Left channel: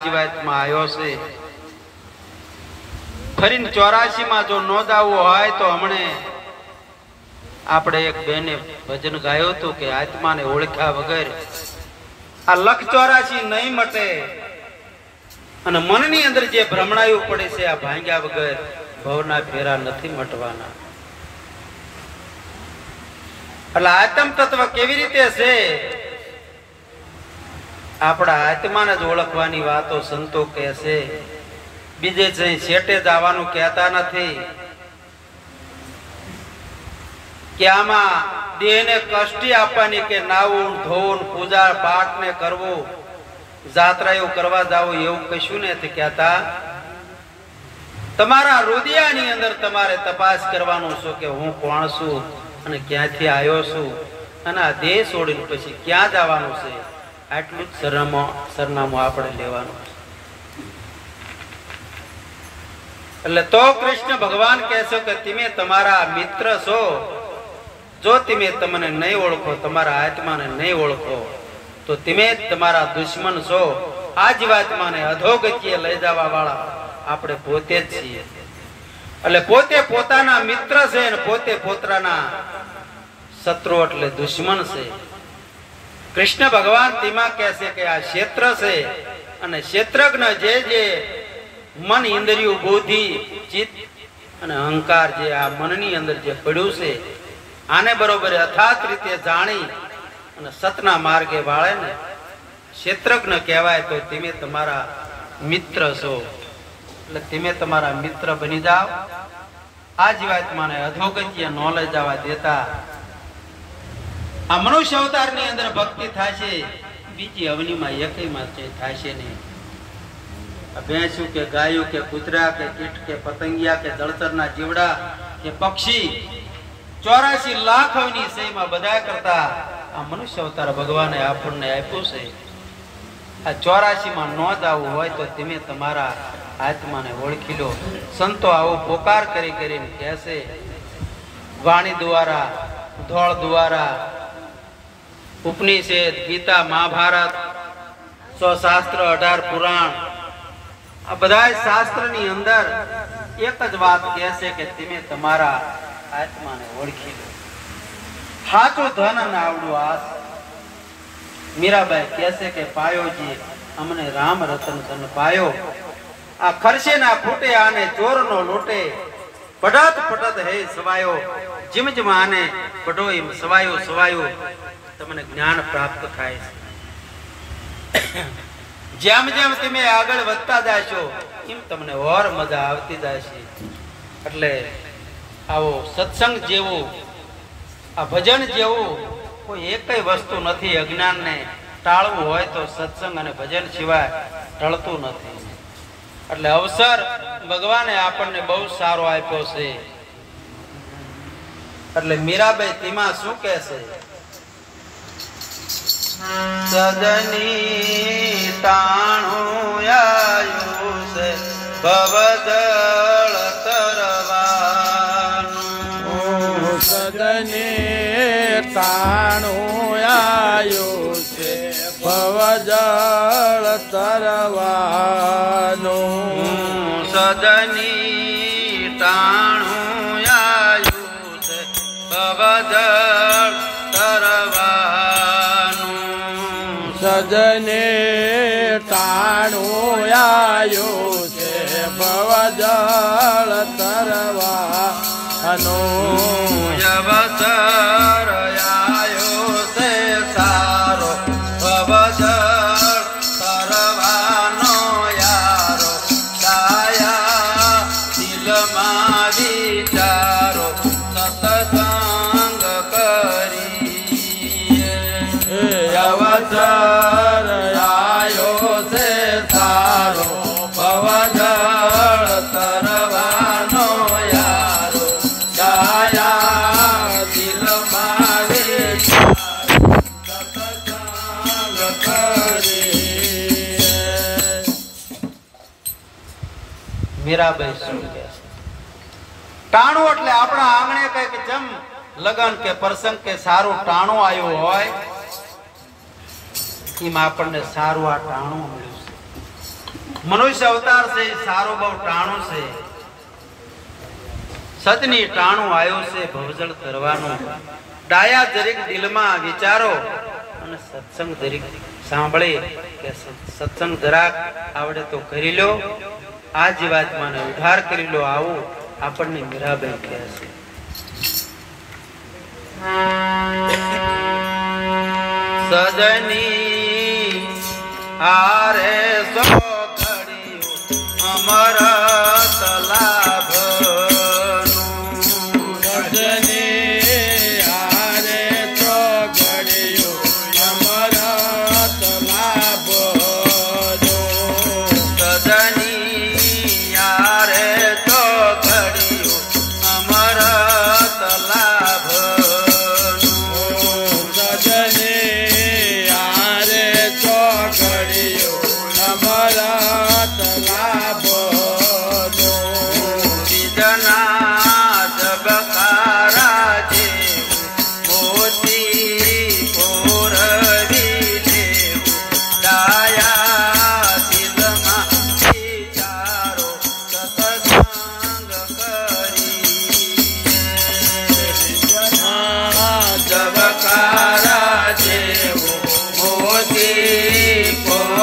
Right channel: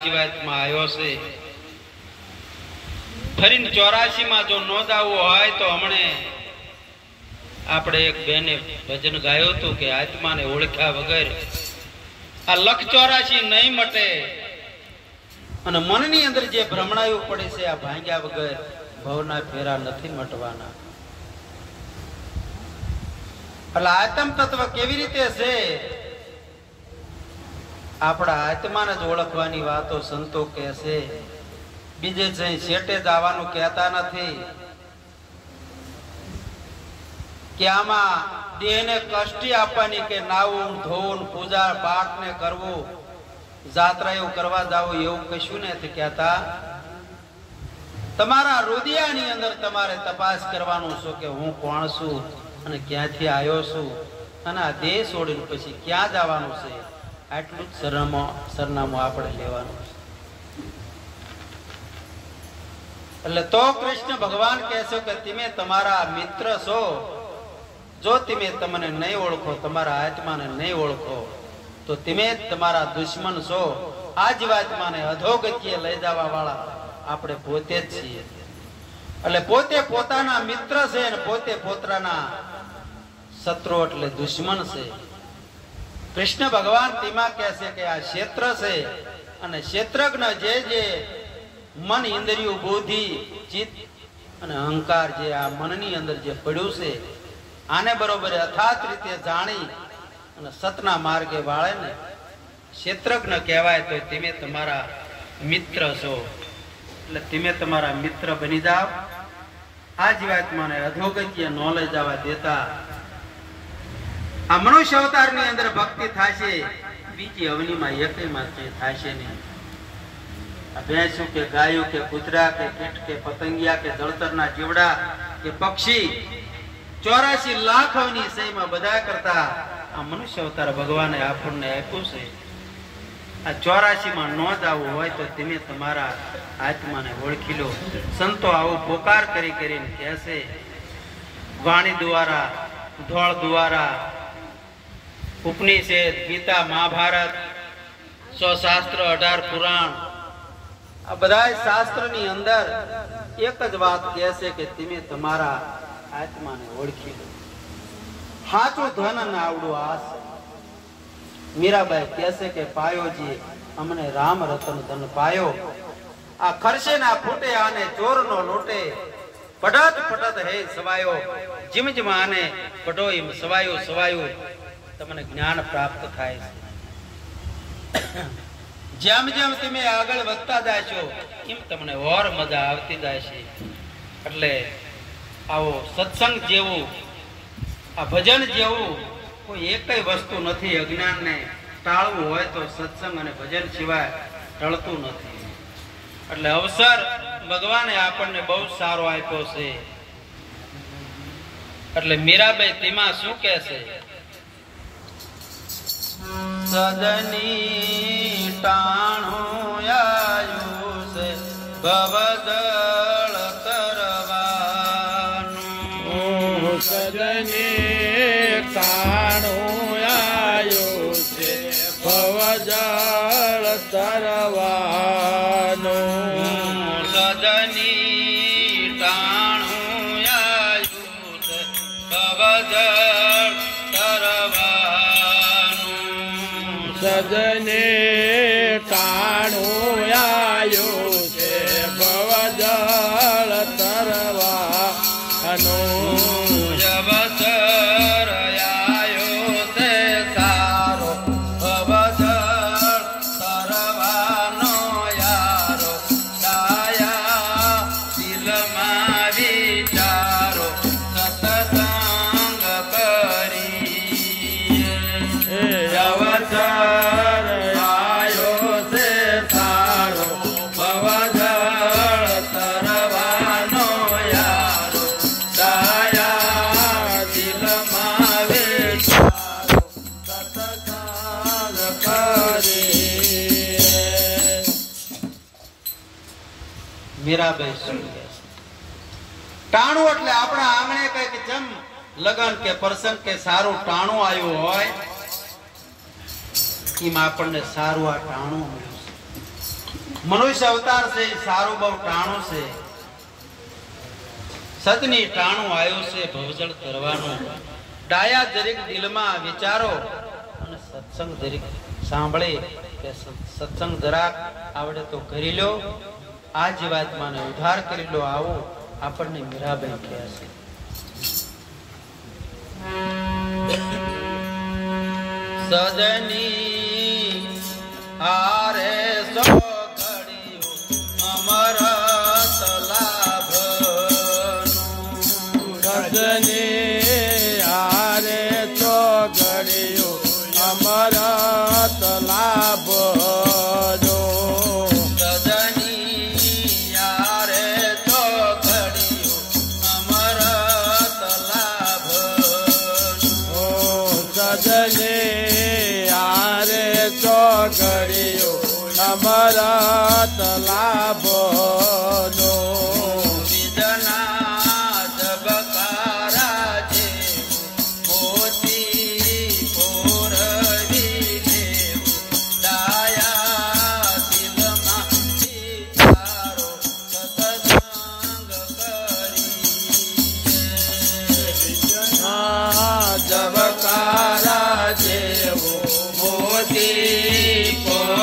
જીવાતમાં આવ્યો છે ફરીને 84 માં જો નો જાવું હોય તો હમણે આપણે એક બેને ભજન ગાયો હતું કે આત્માને ઓળખ્યા વગર આ લખ 84 નહીં મટે અને મનની અંદર જે ભ્રમણાયું પડે છે આ ભાંગ્યા વગર ભવના ફેરા નથી મટવાના. એટલે આત્મ તત્વ કેવી રીતે છે? આપણા આત્માને જ ઓળખવાની વાતો સંતો કહે છે, બીજે જઈ શેટે જવાનું કહેતા નથી. કે આમાં દેહને કષ્ટી આપવાની કે નાવું ધોવું પૂજા પાઠ ને કરવું જાત્રા એવું કરવા જાવું એવું કશું નથી કહેતા. તમારા હૃદયની અંદર તમારે તપાસ કરવાનું છે કે હું કોણ છું અને ક્યાંથી આવ્યો છું અને આ દેહ છોડીને પછી ક્યાં જવાનું છે. આટલું જ સરનામું આપણે લેવાનું છે. એટલે તો કૃષ્ણ ભગવાન કહે છે કે તમે તમારા મિત્ર છો. જો તમે તમને નહીં ઓળખો, તમારા આત્માને નહીં ઓળખો તો તમે તમારા દુશ્મન છો. આ જીવાત્માને અધોગતિએ લઈ જવા વાળા આપણે પોતે જ છીએ. એટલે પોતે પોતાના મિત્ર છે અને પોતે પોતાના શત્રુ એટલે દુશ્મન છે. કૃષ્ણ ભગવાન તેમાં કહે છે કે આ ક્ષેત્ર છે અને ક્ષેત્રજ્ઞ જે મન ઇન્દ્રિયો બુદ્ધિ ચિત્ત અને અહંકાર જે આ મનની અંદર જે પડ્યું છે આને બરોબર યથાર્થ રીતે જાણી અને સતના માર્ગે વાળે ને ક્ષેત્રજ્ઞ કહેવાય. તો તમે તમારા મિત્ર છો. એટલે તમે તમારા મિત્ર બની જાઓ. આ જીવાત્માને અધોગતિએ ન લઈ જવા દેતા. આ મનુષ્ય અવતાર ની અંદર ભક્તિ થશે, બીજી અવનીમાં એકમાં થશે નહીં. ભેંસું કે ગાયું કે કૂતરા કે કીટ કે પતંગિયા કે જળચરના જીવડા કે પક્ષી 84 લાખ અવની સહીમાં બધા કરતા આ મનુષ્ય અવતાર ભગવાને આપણને આપ્યું છે. આ 84 માં ન જવું હોય તો તમે તમારા આત્માને ઓળખી લો. સંતો આવો પોકાર કરી કરીને કહેશે. વાણી દ્વારા, ધોળ દ્વારા, ઉપનિષદ, ગીતા, મહાભારત, 100 શાસ્ત્ર, 18 પુરાણ, આ બધા શાસ્ત્રની અંદર એક જ વાત કહે છે કે તમે તમારા આત્માને ઓળખી લો. સાચું ધન અને આવડું આસ. મીરાબાઈ કહે છે કે પાયોજી અમને રામ રતન ધન પાયો. આ ખર્ચે ના ફૂટે આને ચોર નો લોટે. પઢત પઢત હે સવાયો. જીમ જીમ આને પઢો એમ સવાયો સવાયો. તમને જ્ઞાન પ્રાપ્ત થાય છે. જેમ જેમ તમે આગળ વધતા જાશો એમ તમને ઓર મજા આવતી જશે. એટલે આવો સત્સંગ જેવું, આ ભજન જેવું કોઈ એકય વસ્તુ નથી. અજ્ઞાનને ટાળવું હોય તો સત્સંગ અને ભજન સિવાય ટળતું નથી. એટલે અવસર ભગવાને આપણને બહુ સારો આપ્યો છે. એટલે મીરાબાઈ તેમાં શું કહે છે? સદની તાણું આયું છે ભવદળ તરવાનું. સદની તાણું આયું છે ભવદળ તરવાનું. સદની તાણું આયું છે ભવદળ સજને તાણું આયું છે ભવજળ તરવાનું. અવસર આયો છે સારો ભવજળ તરવાનો યારો. છાયા દિલમાં વિચારો સતસંગ કરી. અવસર આયો છે સારો ભવજળ તરવાનો યારો. છાયા દિલમાં વિચારો સતસંગ કરી. મીરાબાઈ શું કહે છે? ટાણું એટલે આપણા આંગણે કઈક જમ લગન કે પ્રસંગ કે સારું ટાણું આવ્યું હોય એમાં આપણને સારું આ ટાણું મળ્યું છે. મનુષ્ય અવતાર છે એ સારું બહુ ટાણું છે. સતની ટાણું આવ્યું છે ભવજળ તરવાનું. ડાયા જરીક દિલમાં વિચારો અને સત્સંગ જરીક સાંભળે કે સત્સંગ જરાક આવડે તો કરી લો. આ જીવાત્માને ઉદ્ધાર કરી લો. આવું આપણને મીરાબાઈ કહે છે. સજની હારે સો ઘડિયું અમરત લાભ. સજની હારે તો ઘડિયું અમરત લાભ. અમરત લાભો નો બીજના જબકારા જે મોતી પોરવી દેવ. ડાયા દિલમાં વિચારો સત્સંગ કરી. જબકારા જેવો મોતી પોરવી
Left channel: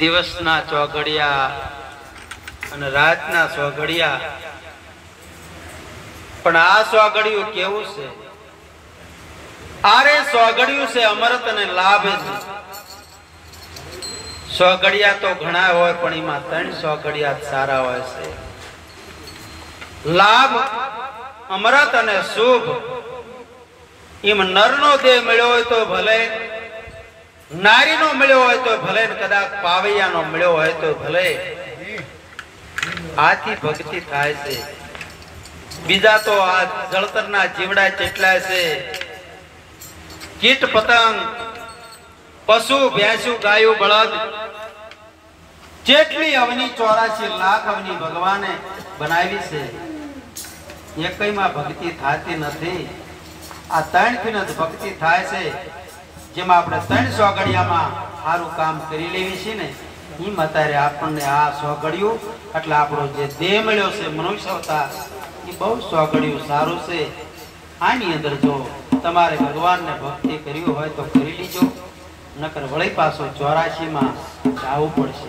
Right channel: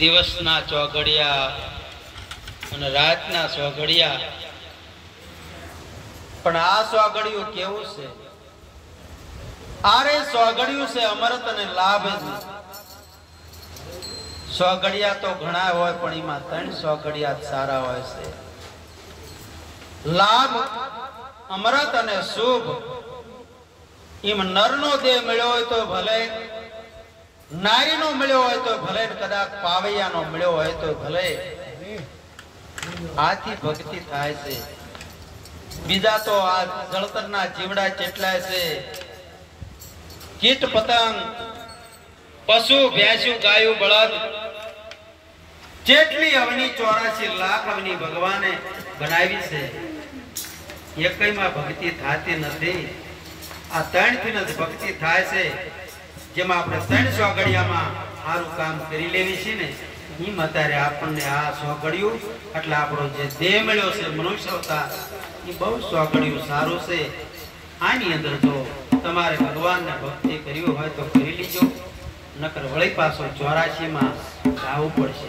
દિવસના ચોઘડિયા અને રાતના ચોઘડિયા. પણ આ ચોઘડિયું કેવું છે? આરે ચોઘડિયું છે અમૃત અને લાભ જ. ચોઘડિયા તો ઘણા હોય પણ એમાં 3 ચોઘડિયા સારા હોય છે. લાભ અમૃત અને શુભ. એમ નરનો દેહ મળ્યો હોય તો ભલે, નારીનો મળ્યો હોય તો ભલે, કદાચ પાવૈયાનો મળ્યો હોય તો ભલે. આથી ભક્તિ થાય છે. બીજા તો આ જળતરના જીવડા કેટલાય છે. કીટ પતંગ, પશુ, ભેંસું, ગાયું, બળદ, જેટલી અવની 84 લાખ અવની ભગવાને બનાવી છે. એકઈમાં ભક્તિ થતી નથી. આ 3 થી જ ભક્તિ થાય છે. જેમાં આપણે 3 ચોઘડિયામાં સારું કામ કરી લેવી છે ને, એમ અત્યારે આપણને આ ચોઘડિયું એટલે આપણો જે દેહ મળ્યો છે મનુષ્ય અવતાર, એ બહુ ચોઘડિયું સારું છે. આની અંદર જો તમારે ભગવાનને ભક્તિ કરવી હોય તો કરી લીજો, નકર વળી પાછો 84 માં જવું પડશે.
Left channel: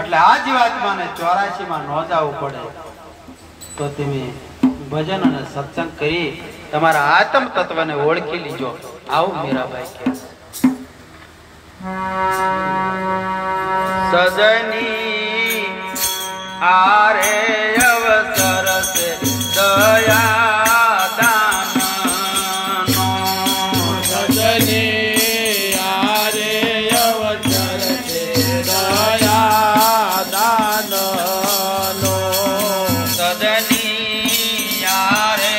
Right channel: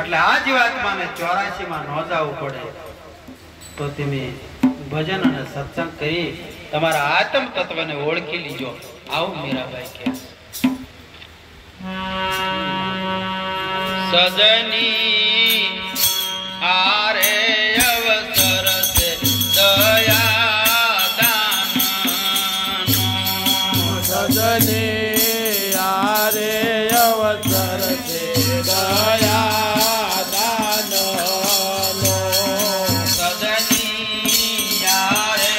એટલે આ જીવાત્માને 84 માં ન જવું પડે તો તમે ભજન અને સત્સંગ કરી તમારા આત્મ તત્વને ઓળખી લીજો. આવું મીરાબાઈ કહે. સજની આરે અવસર છે દયા દાન. સજની આરે અવસર છે દયા દાન નો. સજની આરે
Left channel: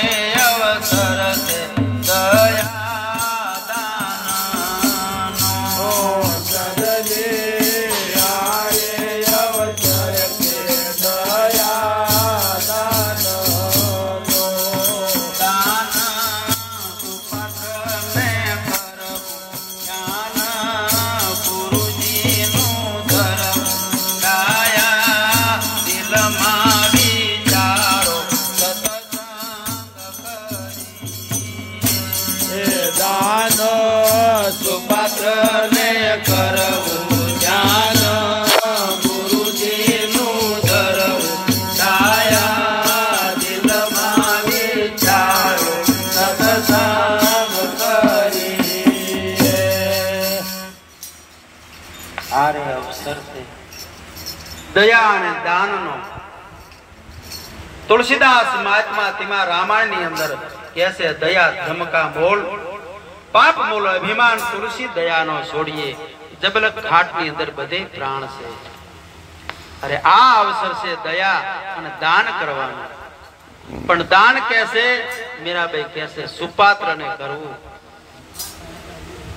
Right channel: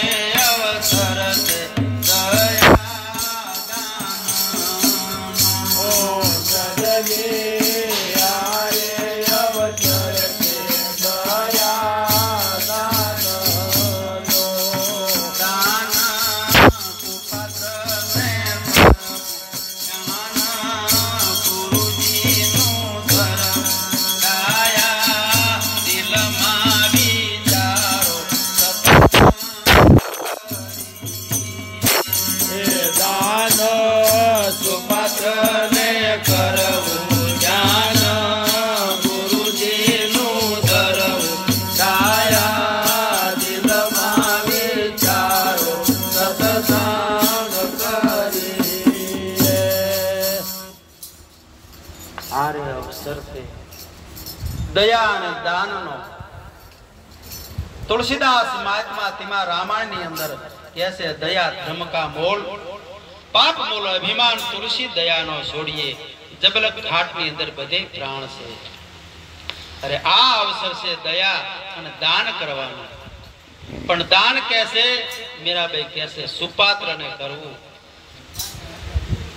અવસર છે દયા દયા અને દાનનો. તુલસીદાસ મહાત્મા તેમાં રામાયણ ની અંદર કહે છે, દયા ધર્મ કા મોલ, પાપ મૂળ અભિમાન તુલસી દયાનો છોડીએ, જબલક ઘાટ ની અંદર બધે પ્રાણ છે. અરે આ અવસર છે દયા અને દાન કરવાનો. પણ દાન કહેશે મીરાબાઈ કહેશે સુપાત્ર ને કરવું.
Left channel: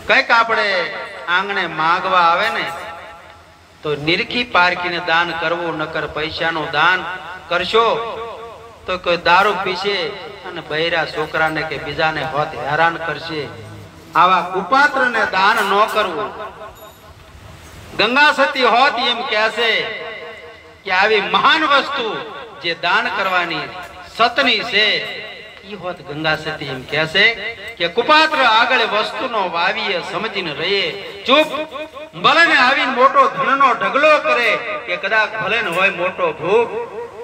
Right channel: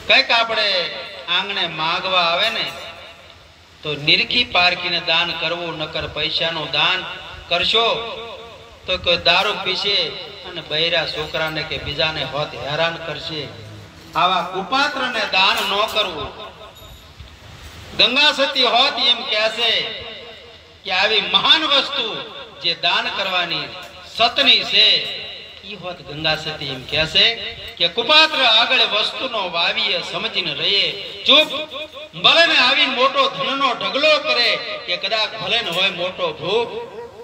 કઈક આપણે આંગણે માંગવા આવે ને તો નિરખી પારખીને દાન કરવું, નકર પૈસાનું દાન કરશો તો કોઈ દારૂ પીશે અને બૈરા છોકરાને કે બીજાને હોત હેરાન કરશે. આવા કુપાત્રને દાન ન કરવું. ગંગા સતી હોત એમ કહેશે કે આવી મહાન વસ્તુ જે દાન કરવાની સતની છે ઈ હોત ગંગા સતી એમ કહેશે કે કુપાત્ર આગળ વસ્તુનો વાવીએ સમજીને રહીએ. ચૂપ ભલે ને આવીને મોટો ધનનો ઢગલો કરે કે કદાચ ભલે ને હોય મોટો ભૂખ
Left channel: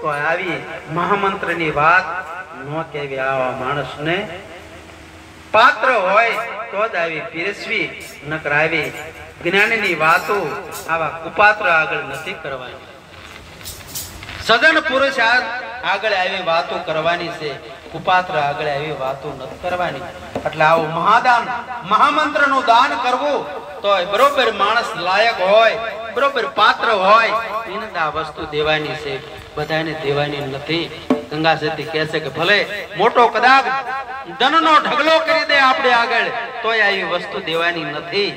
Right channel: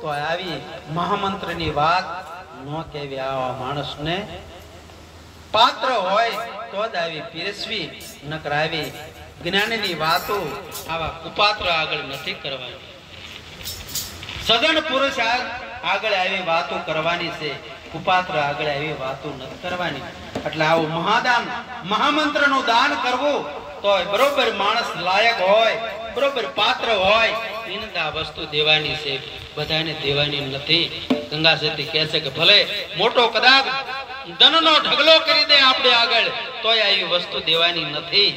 તો આવી મહામંત્રની વાત ન કહેવી. આવા માણસને પાત્ર હોય તો જ આવી પીરસવી, નકર આવી જ્ઞાનની વાતો આવા કુપાત્ર આગળ નથી કરવાની. સદન પુરુષ આગળ આવી વાતો કરવાની છે, કુપાત્ર આગળ આવી વાતો નથી કરવાની. એટલે આવું મહાદાન મહામંત્ર નું દાન કરવું તો બરોબર માણસ લાયક હોય, બરોબર પાત્ર હોય એને આ વસ્તુ દેવાની છે, બધાને દેવાની નથી. ગંગા સતી કહે છે કે ભલે મોટો કદાચ ધનનો ઢગલો કરી દે આપણે આગળ તોય આવી વસ્તુ દેવાની નથી.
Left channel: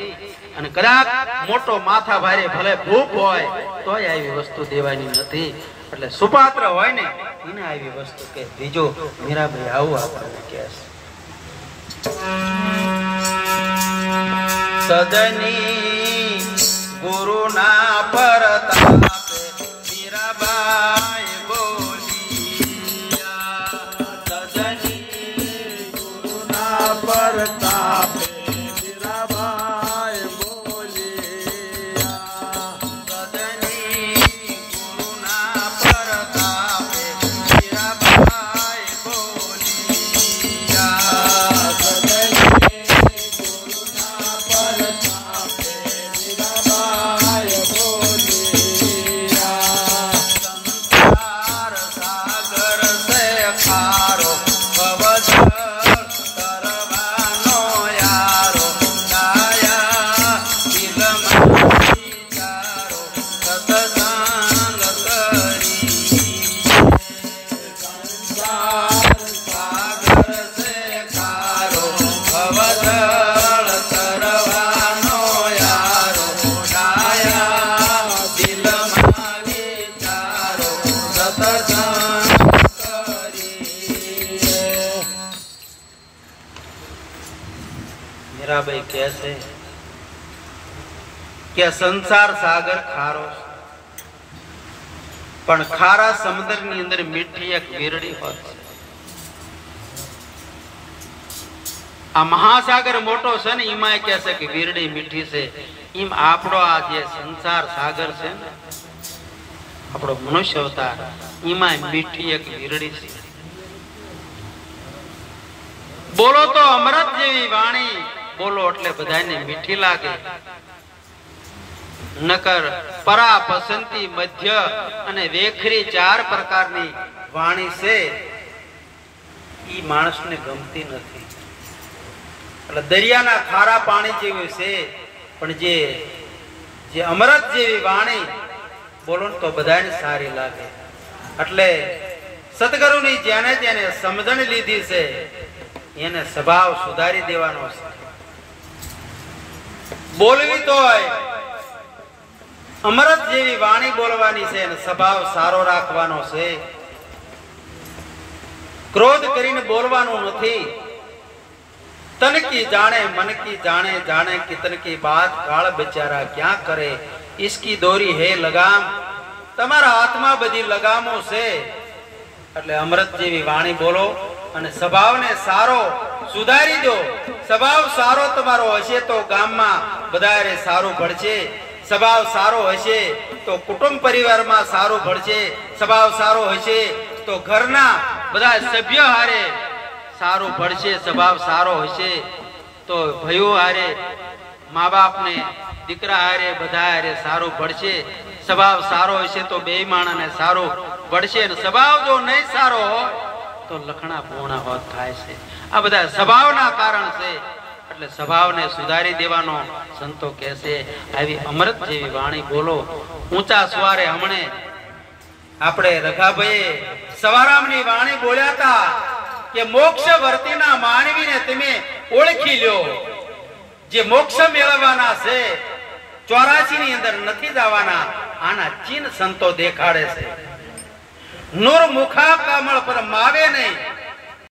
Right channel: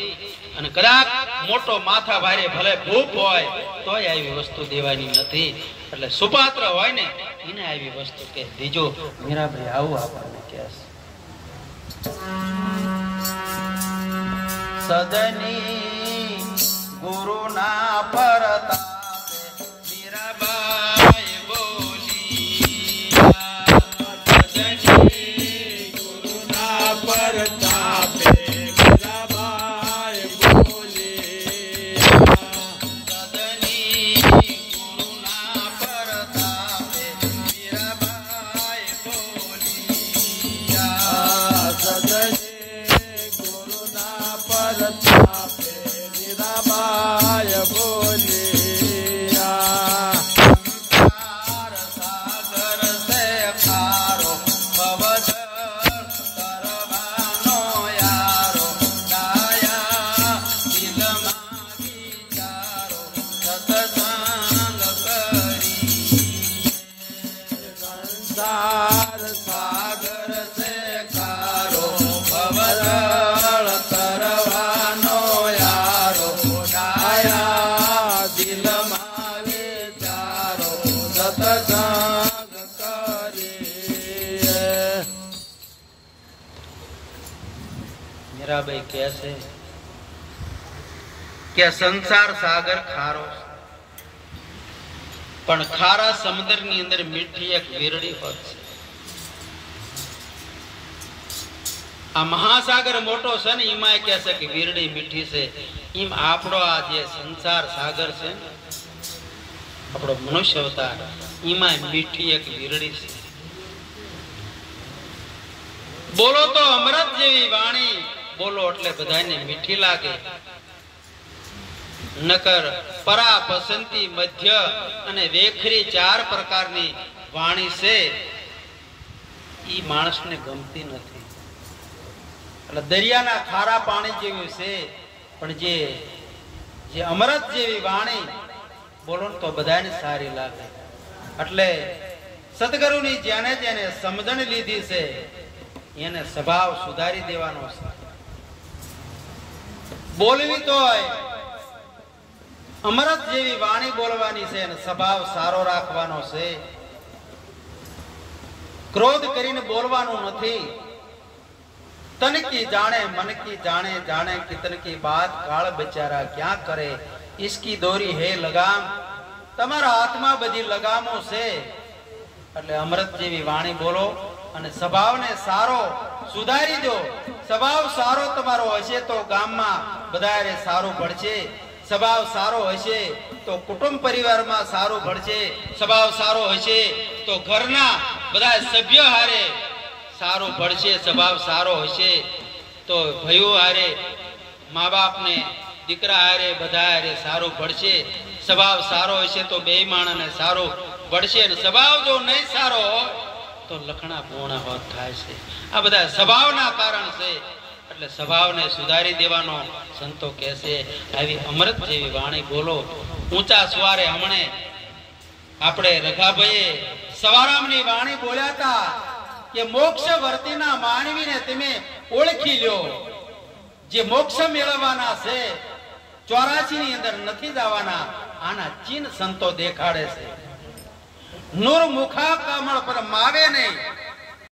અને કદાચ મોટો માથા ભારે ભલે ભૂખ હોય તોય આવી વસ્તુ દેવાની નથી. એટલે સુપાત્ર હોય ને એને આવી વસ્તુ કે દીજો. મીરાભાઈ આવું આપણને કહે છે. સદની ગુરુના પરતાપે મીરાબાઈ બોલી. સદની ગુરુના પરતાપે મીરાબાઈ બોલી. સદની ગુરુના પરતાપે મીરાબાઈ બોલી. મીરાબાઈ કહે છે કે સંસાર સાગર ખારો, પણ ખારા સમુદ્ર ની અંદર મીઠી એક વીરડી હોય છે. આ મહાસાગર મોટો છે ને એમાં કહે છે કે વીરડી મીઠી છે. એમ આપણો આ જે સંસાર સાગર છે ને આપણો મનુષ્ય અવતાર એમાં મીઠી એક વીરડી છે. બોલો તો અમૃત જેવી વાણી બોલો એટલે બધાને મીઠી લાગે. નકર પરા પસંતી મધ્ય અને વેખરી ચાર પ્રકારની વાણી છે ઈ માણસને ગમતી નથી. એટલે દરિયાના ખારા પાણી જેવું છે, પણ જે અમૃત જેવી વાણી બોલો તો બધાને સારી લાગે. એટલે સદગુરુની જેને જેને સમજણ લીધી છે એને સ્વભાવ સુધારી દેવાનો છે. બોલવી તો અમૃત જેવી વાણી બોલવાની છે અને સ્વભાવ સારો રાખવાનો છે. ક્રોધ કરીને બોલવાનું નથી. તન કી જાણે મન કી જાણે, જાણે कि तन की बात काल बेचारा क्या करे, इसकी दोरी है लगाम. તમારા હાથમાં બધી લગામો છે. એટલે અમૃત જેવી વાણી બોલો અને સ્વભાવને સારો સુધારી દો. સ્વભાવ સારો તમારો હશે તો ગામમાં બધારે સારું ભળશે. સ્વભાવ સારો હશે તો કુટુંબ પરિવારમાં સારું ભળશે. સ્વભાવ સારો હશે તો ઘરના બધા સભ્ય હારે સારું ભળશે. સ્વભાવ સારો હશે તો ભાઈઓ હારે, મા બાપને, દીકરા હારે, બધા હારે સારું ભળશે. સ્વભાવ સારો હશે તો બે માણસને સારું ભળશે. સ્વભાવ જો નહીં સારો હોય તો લખણા પૂર્ણ હોત થાય છે. આ બધા સ્વભાવના કારણ છે. એટલે સ્વભાવને સુધારી દેવાનો સંતો કહે છે. આવી અમૃત જેવી વાણી બોલો. ઊંચા સ્વારે હમણે આપણે રઘાભાઈએ સવારામની વાણી બોલ્યા હતા કે મોક્ષ વર્તીના માનવીને તમે ઓળખી લ્યો. જે મોક્ષ મેળવવાના છે 84 ની અંદર નથી જવાના. આના ચિહ્ન સંતો દેખાડે છે. નૂર મુખા કમળ પર માવે નહીં